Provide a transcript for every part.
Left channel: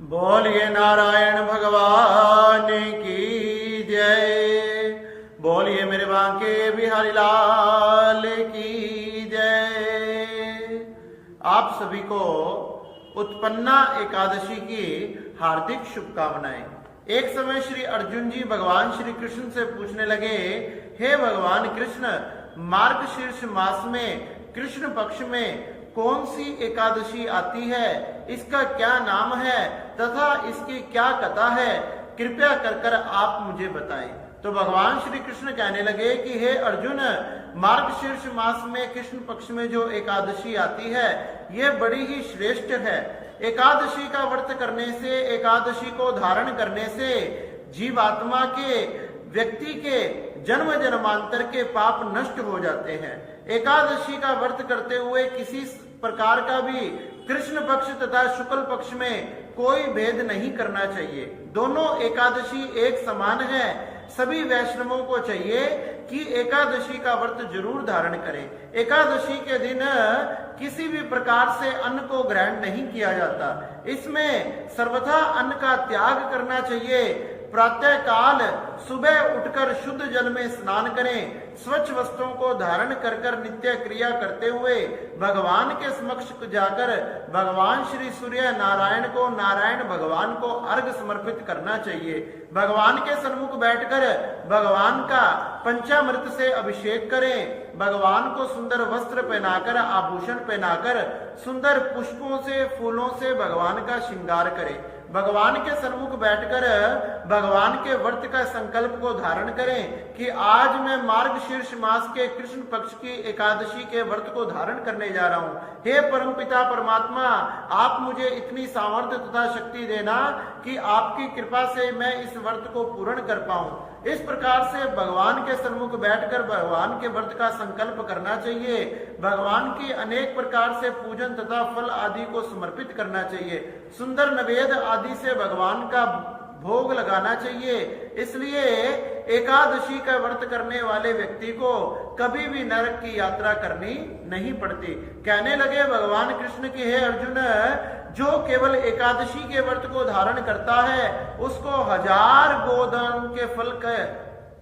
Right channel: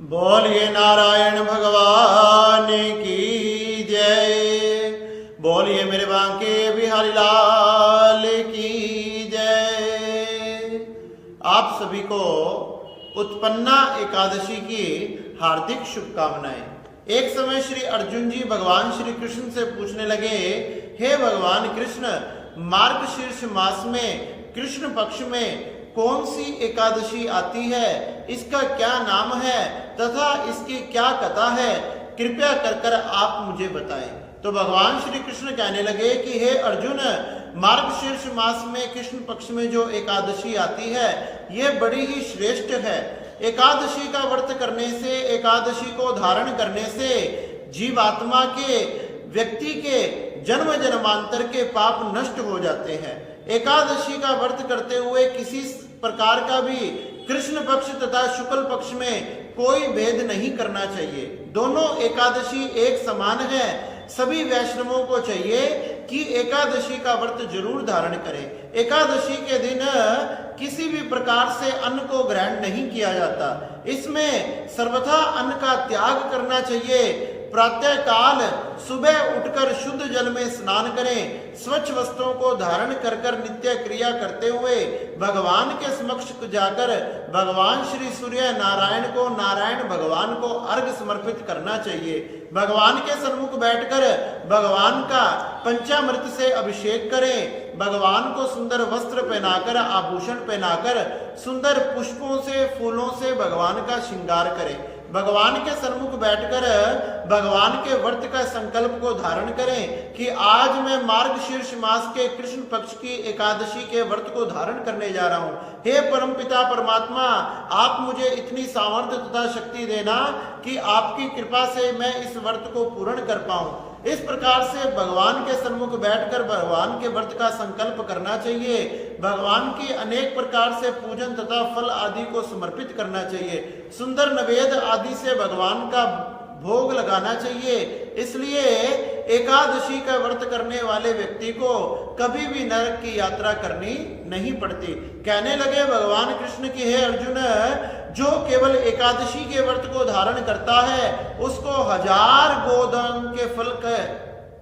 बोलिए नारायण भगवान की जय। बोलिए मेरे बांके बिहारी लाल की जय। आप सभी को उत्पन्ना एकादशी की हार्दिक शुभकामनाएं। एक समय श्री अर्जुन जी भगवान श्री कृष्ण से पूछने लगे, हे भगवान कृष्ण, मार्गशीर्ष मास में कृष्ण पक्ष में कौन सी एकादशी आती है, इसका क्या नाम है तथा इसकी क्या कथा है, कृपया कर आप मुझे बताएं। तो भगवान श्री कृष्ण कहने लगे कि हे अर्जुन, मार्गशीर्ष मास में कृष्ण पक्ष में जो एकादशी आती है यह बड़ी ही श्रेष्ठ है। एकादशी का व्रत करने से, एकादशी को धारण करने से जीवात्मा के, व्यक्ति के जन्म जन्मांतर के पाप नष्ट हो जाते हैं। एकादशी का व्रत करते हुए किसी प्रकार का भी कृष्ण पक्ष तथा शुक्ल पक्ष में कोई भेद नहीं करना चाहिए। दोनों एकादशी एक समान है। सभी वैष्णवों को चाहिए कि एकादशी का व्रत जरूर धारण करें। एकादशी के दिन किसी भी प्रकार से अन्न को ग्रहण नहीं किया जाता। इसमें सर्वथा अन्न का त्याग करना चाहिए। प्रातः काल सुबह उठकर शुद्ध जल में स्नान करें। स्वच्छ वस्त्रों को धारण कर नित्य क्रिया करते हुए भगवान के समक्ष जाकर भगवान श्री सूर्य नारायण भगवान को अर्घ समर्पित करना चाहिए। भगवान के सन्मुख बैठकर भगवान का पंचामृत से अभिषेक करें। भगवान को सुंदर वस्त्र पहनाकर, आभूषण पहनाकर, सुंदर पुष्पों से, फूलों से भगवान का श्रृंगार करें। भगवान के सन्मुख बैठकर भगवान के व्रत का संकल्प को धारण करें कि आज मैं मार्गशीर्ष मास के कृष्ण पक्ष की एकादशी के व्रत को धारण करने जा रहा हूँ। हे परमपिता परमात्मा, आप मुझे इतनी सामर्थ्य तथा शक्ति देना कि आपकी कृपा से मैं इस व्रत को पूर्ण कर पाऊं। इस प्रकार से भगवान के सन्मुख बैठकर भगवान के व्रत का संकल्प करना चाहिए। भगवान की अनेक प्रकार से पूजन तथा फल आदि को समर्पित करना चाहिए। सुंदर नवेद आदि से भगवान का भोग लगाना चाहिए। इसलिए एकादशी का व्रत करने वाले व्यक्ति को कभी भी नरक की यात्रा करनी नहीं पड़ती। कहने लगे भगवान कृष्ण की, हे अर्जुन, जो केवल एकादशी के व्रत को धारण करता है उसको 1000 गोदान के फल का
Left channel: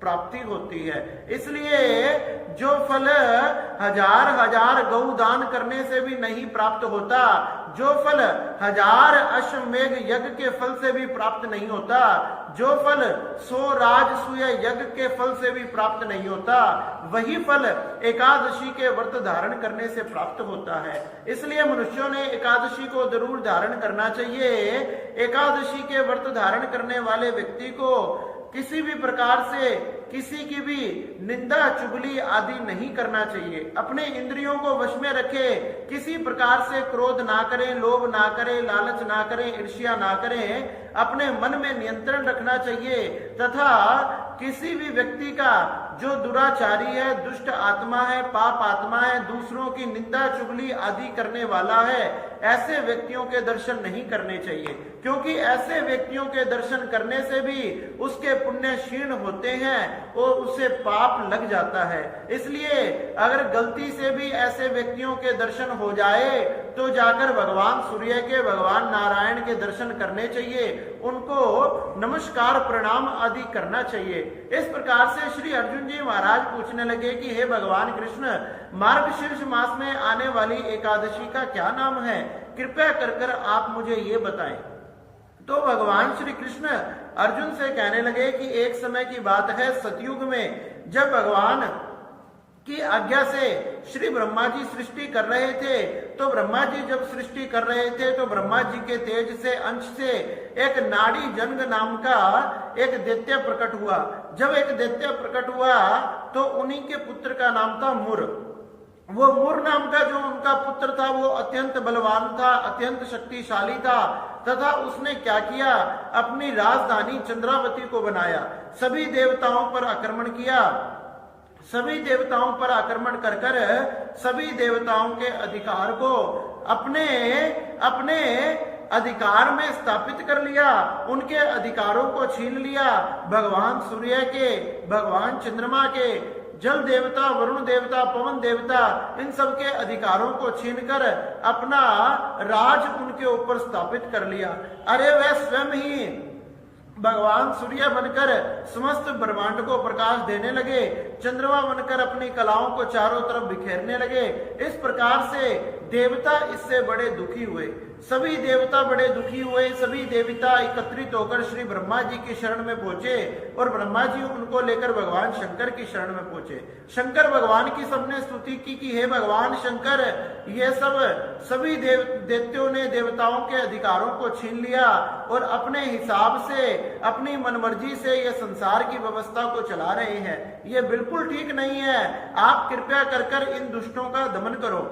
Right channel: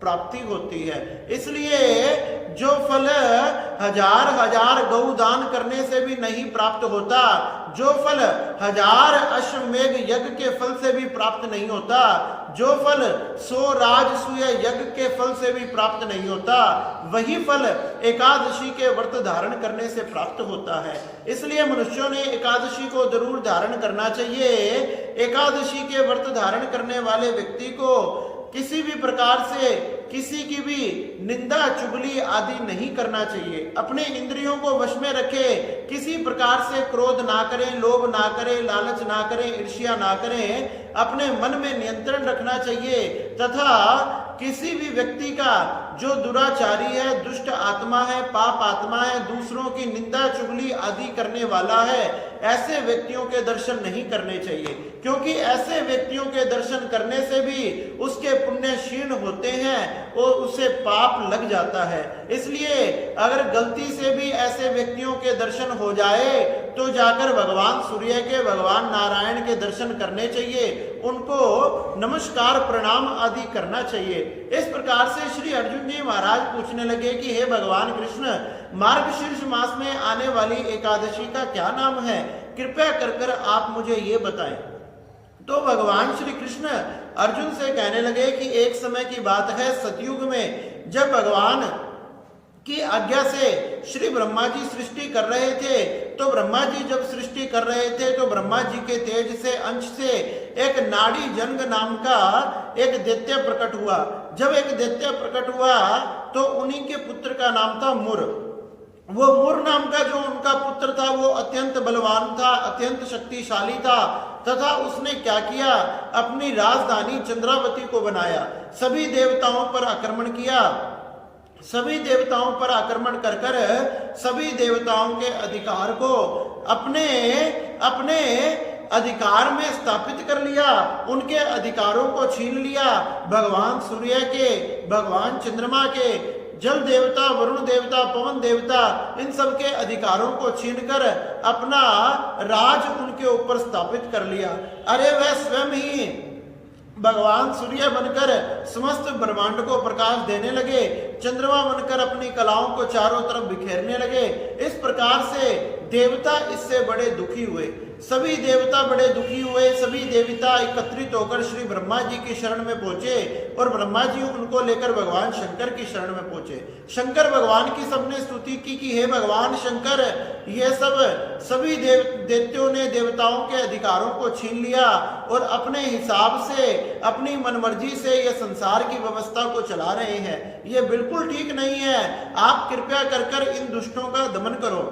प्राप्ति होती है। इसलिए जो फल 1000 गौदान करने से भी नहीं प्राप्त होता, जो फल 1000 अश्वमेघ यज्ञ के फल से भी प्राप्त नहीं होता, जो फल 100 राजसूय यज्ञ के फल से भी प्राप्त नहीं होता, वही फल एकादशी के व्रत धारण करने से प्राप्त होता है। इसलिए मनुष्यों ने एकादशी को जरूर धारण करना चाहिए। एकादशी के व्रत धारण करने वाले व्यक्ति को किसी भी प्रकार से किसी की भी निंदा चुगली आदि नहीं करना चाहिए। अपने इंद्रियों को वश में रखे, किसी प्रकार से क्रोध ना करें, लोभ ना करें, लालच ना करें, ईर्ष्या ना करें। अपने मन में नियंत्रण रखना चाहिए तथा किसी भी व्यक्ति का जो दुराचारी है, दुष्ट आत्मा है, पाप आत्मा है, दूसरों की निंदा चुगली आदि करने वाला है, ऐसे व्यक्तियों के दर्शन नहीं करने चाहिए। क्योंकि ऐसे व्यक्तियों के दर्शन करने से भी उसके पुण्य क्षीण होते हैं और उसे पाप लग जाता है। इसलिए अगर गलती से भी ऐसे व्यक्तियों के दर्शन हो जाए तो जाकर भगवान सूर्य के, भगवान नारायण के दर्शन करने चाहिए। उनको नमस्कार प्रणाम आदि करना चाहिए। इस प्रकार से श्री अर्जुन जी महाराज पूछने लगे कि हे भगवान कृष्ण, मार्गशीर्ष मास में आने वाली एकादशी का क्या नाम है, कृपया कर आप मुझे ये बताएं। तो भगवान श्री कृष्ण अर्जुन से कहने लगे कि एक समय की बात है, सतयुग में जब भगवान की आज्ञा से श्री ब्रह्मा जी सृष्टि कर रहे थे, तो ब्रह्मा जी जब सृष्टि कर रहे थे तो ब्रह्मा जी के तेज से, अंश से एक नाड़ी जंग नाम का एक दैत्य प्रकट हुआ। जब एक दैत्य प्रकट हुआ तो उन्हीं के पुत्र का नाम था मुर। वो मुर नाम का जो उनका पुत्र था वो अत्यंत बलवान था, अत्यंत शक्तिशाली था तथा उसने क्या किया, अपनी राजधानी चंद्रावती को बनाया। सभी देवताओं पर आक्रमण किया। सभी देवताओं पर आक्रमण कर सभी देवताओं के अधिकार को अपने अपने अधिकार में स्थापित कर लिया। उनके अधिकारों को छीन लिया। भगवान सूर्य के, भगवान चंद्रमा के, जल देवता, वरुण देवता, पवन देवता, इन सब के अधिकारों को छीनकर अपना राज उनके ऊपर स्थापित कर लिया। अरे वह स्वयं ही भगवान सूर्य बनकर समस्त ब्रह्मांड को प्रकाश देने लगे, चंद्रमा बनकर अपनी कलाओं को चारों तरफ बिखेरने लगे। इस प्रकार से देवता इससे बड़े दुखी हुए, सभी देवता बड़े दुखी हुए। सभी देवता एकत्रित होकर श्री ब्रह्मा जी की शरण में पहुंचे और ब्रह्मा जी उनको लेकर भगवान शंकर की शरण में पहुंचे। शंकर भगवान की सबने स्तुति की कि हे भगवान शंकर, ये सभी दैत्यों ने देवताओं के अधिकारों को छीन लिया और अपने हिसाब से, अपनी मनमर्जी से ये संसार की व्यवस्था को चला रहे हैं। ये बिल्कुल ठीक नहीं है। आप कृपया कर इन दुष्टों का दमन करो।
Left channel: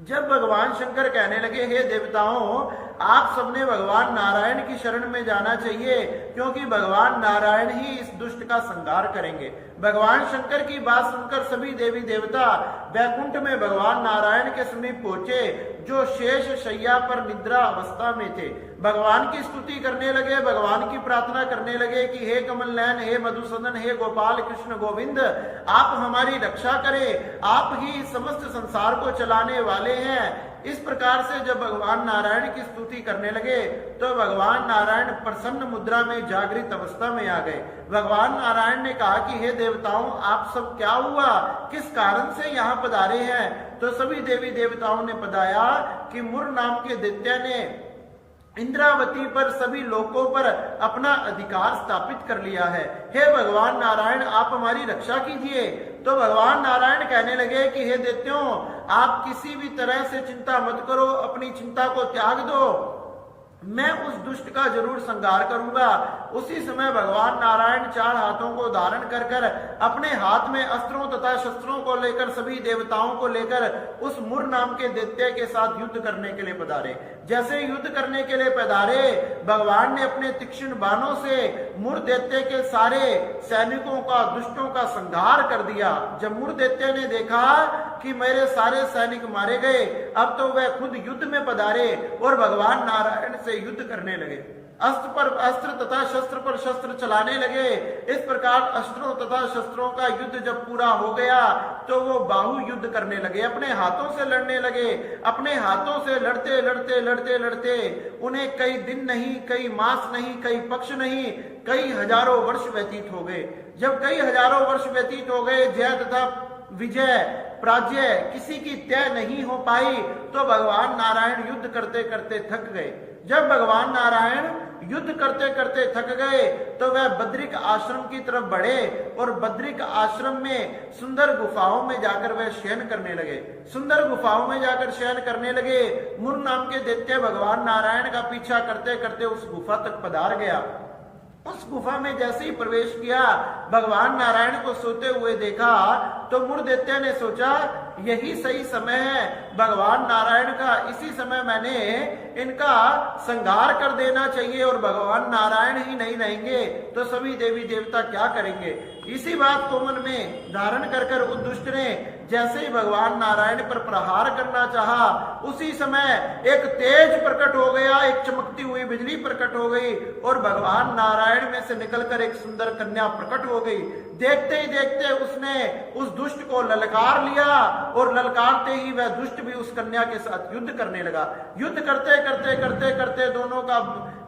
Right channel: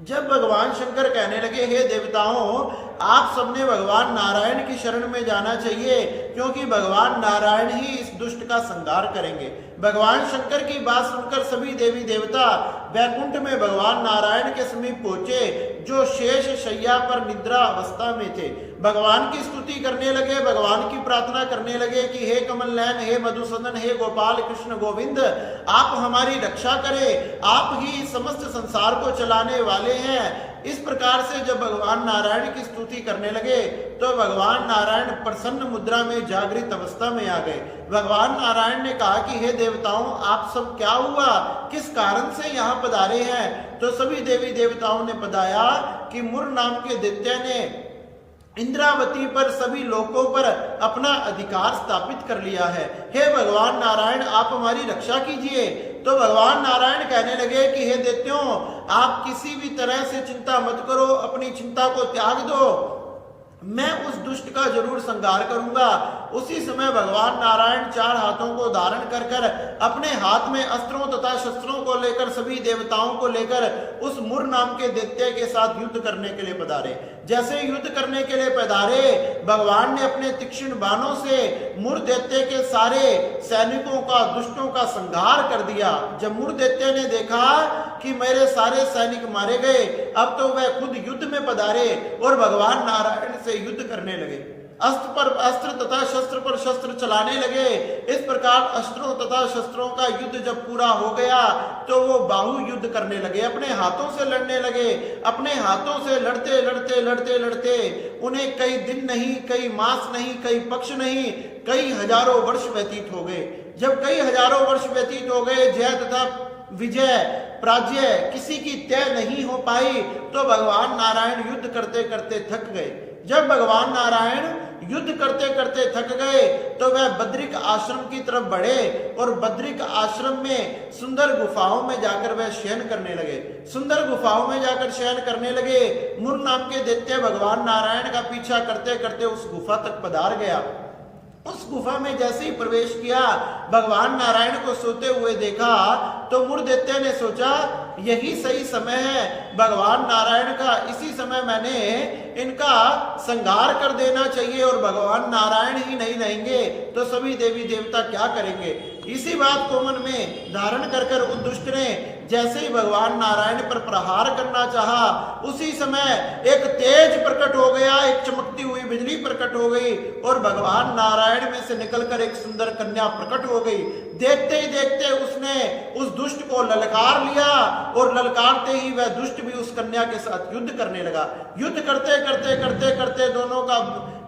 जब भगवान शंकर कहने लगे, हे देवताओं, आप सबने भगवान नारायण की शरण में जाना चाहिए, क्योंकि भगवान नारायण ही इस दुष्ट का संहार करेंगे। भगवान शंकर की बात सुनकर सभी देवी देवता वैकुंठ में भगवान नारायण के समीप पहुंचे, जो शेष शैया पर निद्रा अवस्था में थे। भगवान की स्तुति करने लगे, भगवान की प्रार्थना करने लगे कि हे कमल नयन, हे मधुसूदन, हे गोपाल कृष्ण गोविंद, आप हमारी रक्षा करें, आप ही समस्त संसार को चलाने वाले हैं। इस प्रकार से जब भगवान नारायण की स्तुति करने लगे तो भगवान नारायण प्रसन्न मुद्रा में जागृत अवस्था में आ गए। भगवान नारायण ने कहा कि हे देवताओं, आप सब क्या हुआ, किस कारण से यहाँ पधारे हैं? तो सभी देवी देवताओं ने बताया कि मुर नाम के दैत्य ने इंद्रावती पर, सभी लोकों पर अपना अधिकार स्थापित कर लिया है। हे भगवान नारायण, आप हमारी रक्षा कीजिए। तो भगवान नारायण कहने लगे कि हे दैत्यों, आप किसी भी तरह से चिंता मत करो, अपनी चिंता को त्याग दो, मैं उस दुष्ट का जरूर संहार करूंगा। उसी समय भगवान नारायण चार हाथों को धारण कर कर अपने हाथ में अस्त्रों तथा शस्त्रों को लेकर सभी देवताओं को लेकर उस मुर नाम के दैत्य के साथ युद्ध करने के लिए पधारे। जैसे युद्ध करने के लिए पधारे, भगवान ने अपने तीक्ष्ण बाणों से मुर दैत्य के सारे सैनिकों का, दुष्टों का संहार कर दिया। जब मुर दैत्य ने देखा कि मेरे सारे सैनिक मारे गए, अब तो वह खुद युद्ध में पधारे और भगवान नारायण से युद्ध करने लगे। अस्त्र पर अस्त्र तथा शस्त्र पर शस्त्र चलाने लगे। इस प्रकार अस्त्रों तथा शस्त्रों का युद्ध जब पूरा हो गया तो वो बाहु युद्ध करने लगे, अपने हाथों से लड़ने लगे। अपने हाथों से लड़ते लड़ते लड़ते लड़ते उन्हें कई दिन नहीं, कई मास नहीं, कई पक्ष नहीं, कई हजारों वर्ष व्यतीत हो गए। जब कई हजारों वर्ष व्यतीत हो गए, जय तथा विजय पराजय किसी की तय नहीं हो पाई, तो भगवान नारायण युद्ध करते करते थक गए। जब भगवान नारायण युद्ध करते करते थक गए तो वह बद्रिक आश्रम की तरफ बढ़े और बद्रिक आश्रम में सुंदर गुफाओं में जाकर वह शयन करने लगे। सुंदर गुफाओं में जाकर शयन करने लगे। मुर नाम के दैत्य भगवान नारायण का पीछा करते करते उस गुफा तक पधार गया। उस गुफा में जैसे ही प्रवेश किया, भगवान नारायण को सोते हुए देखा तो मुर दैत्य ने सोचा यही सही समय है भगवान नारायण का, इसी समय मैंने इनका संहार कर देना चाहिए और भगवान नारायण ही नहीं रहेंगे तो सभी देवी देवता क्या करेंगे। इसी बात को मन में धारण कर कर उस दुष्ट ने जैसे ही भगवान नारायण पर प्रहार करना चाहा, उसी समय एक तेज प्रकट हो गया, एक चमकती हुई बिजली प्रकट हो गई और भगवान नारायण में से निकलकर एक सुंदर कन्या प्रकट हो गई। देखते ही देखते उसने उस दुष्ट को ललकार लिया और ललकारते ही वह दुष्ट भी उस कन्या के साथ युद्ध करने लगा। युद्ध करते करते करते करते दोनों का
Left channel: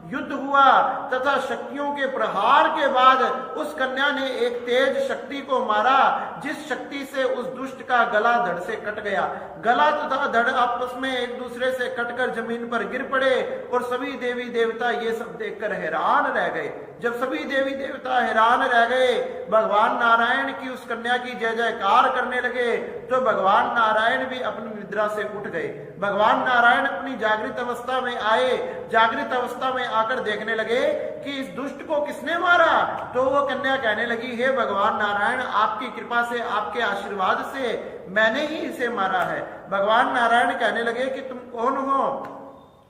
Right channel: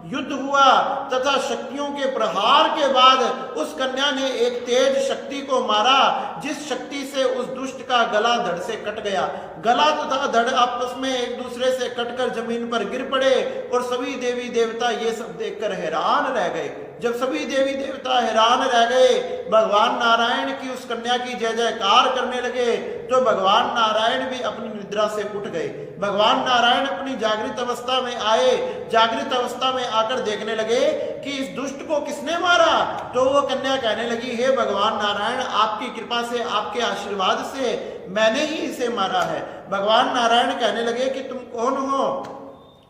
युद्ध हुआ तथा शक्तियों के प्रहार के बाद उस कन्या ने एक तेज शक्ति को मारा, जिस शक्ति से उस दुष्ट का गला धड़ से कट गया। गला तथा धड़ आपस में एक दूसरे से कटकर जमीन पर गिर पड़े और सभी देवी देवता ये सब देखकर हैरान रह गए। जब सभी देवी देवता हैरान रह गए, भगवान नारायण की उस कन्या की जय जयकार करने लगे तो भगवान नारायण भी अपनी निद्रा से उठ गए। भगवान नारायण अपनी जागृत अवस्था में आए। जागृत अवस्था में आकर देखने लगे कि इस दुष्ट को किसने मारा। तो वो कन्या कहने लगी, हे भगवान नारायण, आपकी कृपा से, आपके आशीर्वाद से मैंने ही इसे मारा है। भगवान नारायण कहने लगे कि तुम कौन हो।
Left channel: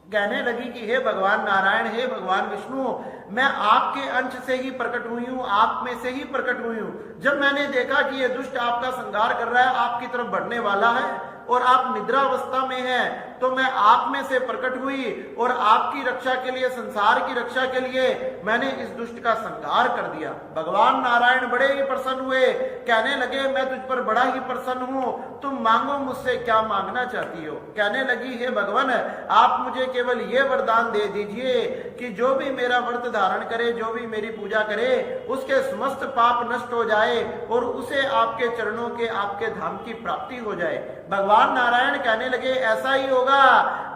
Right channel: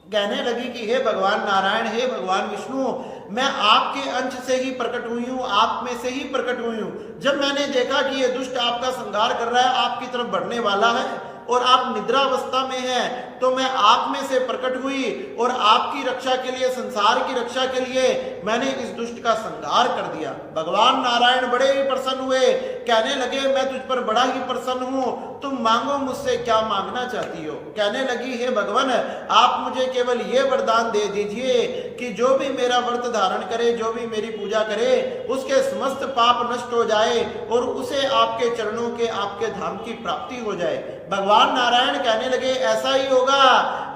कहने लगी कि हे भगवान नारायण, हे भगवान विष्णु, मैं आपके अंश से ही प्रकट हुई हूँ, आप में से ही प्रकट हुई हूँ। जब मैंने देखा कि ये दुष्ट आपका संहार कर रहा है, आपकी तरफ बढ़ने वाला है और आप निद्रावस्था में हैं, तो मैं आप में से प्रकट हुई और आपकी रक्षा के लिए, संसार की रक्षा के लिए मैंने इस दुष्ट का संहार कर दिया। भगवान नारायण बड़े ही प्रसन्न हुए, कहने लगे मैं तुझ पर बड़ा ही प्रसन्न हूं, तुम मांगो मुझसे क्या मांगना चाहती हो। कहने लगी हे भगवान, आप मुझे केवल ये वरदान दे दीजिए कि जो भी मेरा व्रत धारण करे, जो भी मेरी पूजा करे, उसके समस्त पाप नष्ट हो जाए और उसे आपके चरणों के, आपके धाम की प्राप्ति हो जाए। भगवान नारायण कहने लगे ऐसा ही होगा,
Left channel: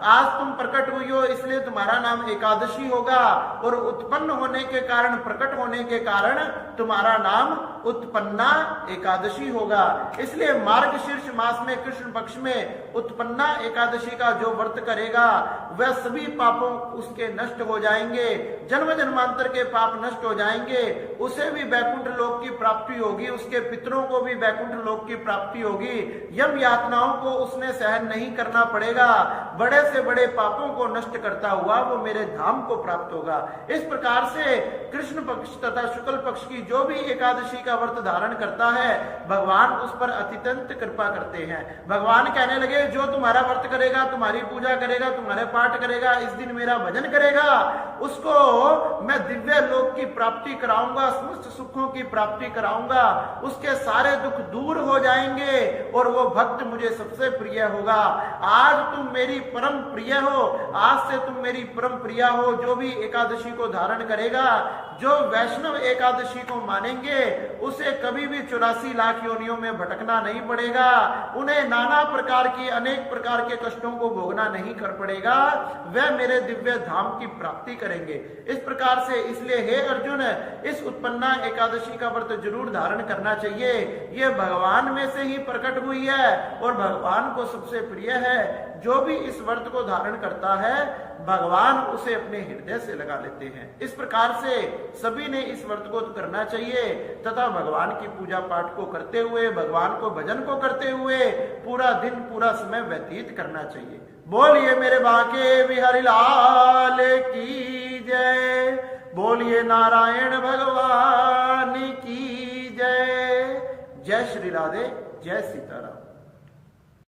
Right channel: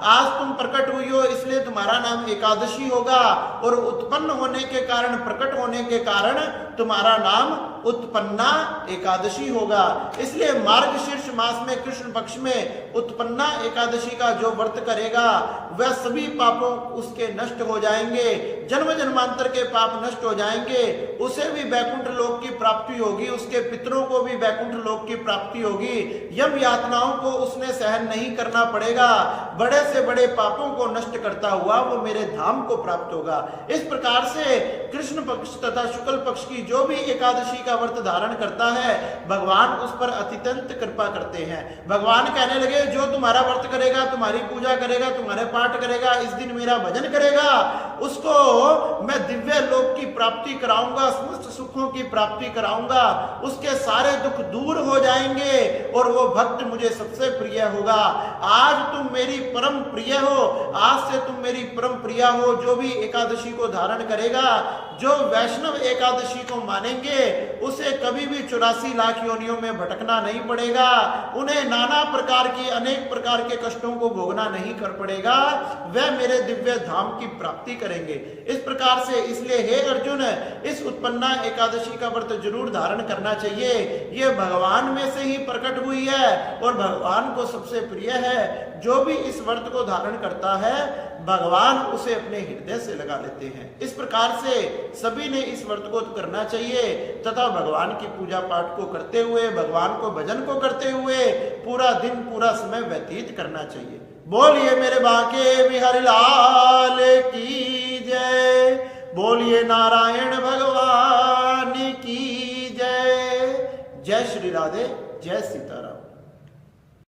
आज तुम प्रकट हुई हो इसलिए तुम्हारा नाम एकादशी होगा और उत्पन्न होने के कारण, प्रकट होने के कारण तुम्हारा नाम उत्पन्ना एकादशी होगा। इसलिए मार्गशीर्ष मास में कृष्ण पक्ष में उत्पन्ना एकादशी का जो व्रत करेगा वह सभी पापों उसके नष्ट हो जाएंगे, जन्म जन्मांतर के पाप नष्ट हो जाएंगे, उसे भी वैकुंठ लोक की प्राप्ति होगी, उसके पितरों को भी वैकुंठ लोक की प्राप्ति होगी, यम यातनाओं को उसने सहन नहीं करना पड़ेगा, बड़े से बड़े पापों को नष्ट करता हुआ वो मेरे धाम को प्राप्त होगा। इस प्रकार से कृष्ण पक्ष तथा शुक्ल पक्ष की जो भी एकादशी का व्रत धारण करता है भगवान उस पर अत्यंत कृपा करते हैं। भगवान कहने लगे जो तुम्हारा व्रत करेगा, तुम्हारी पूजा करेगा, तुम्हारे पाठ करेगा, इस दिन मेरा भजन करेगा, उसको मैं दिव्य लोक की प्राप्ति कराऊंगा, समस्त सुखों की प्राप्ति कराऊंगा, उसके सारे दुख दूर हो जाएंगे और वो भक्त मुझे सबसे प्रिय होगा। आज तुम मेरी परम प्रिय हो, आज से तुम मेरी परम प्रिया हो। जो भी एकादशी को धारण करेगा, जो वैष्णव एकादशी को मानेंगे, उसे कभी भी 84 लाख योनियों में भटकना नहीं पड़ेगा, उन्हें नाना प्रकार की, अनेक प्रकार के कष्टों को भोगना नहीं कर पड़ेगा, वह मेरे दिव्य धाम की प्राप्ति करेंगे। इस प्रकार से इसलिए हे अर्जुन, इस उत्पन्ना एकादशी का व्रत जरूर धारण करना चाहिए। यह भगवान में से ही प्रकट हुई है और भगवान को सबसे प्रिय है। जो भी इस व्रत को धारण करता है भगवान उसे अपने हृदय से लगा लेते हैं। इस प्रकार से सभी ने इस व्रत को करना चाहिए तथा भगवान की पूजा पाठ को करते हुए, भगवान को भजन को करते हुए पूरा दिन, पूरा समय व्यतीत करना चाहिए। बोलिए मेरे बांके बिहारी लाल की जय, बोलिए नारायण भगवान की जय। जय श्री राधे, जय सीताराम।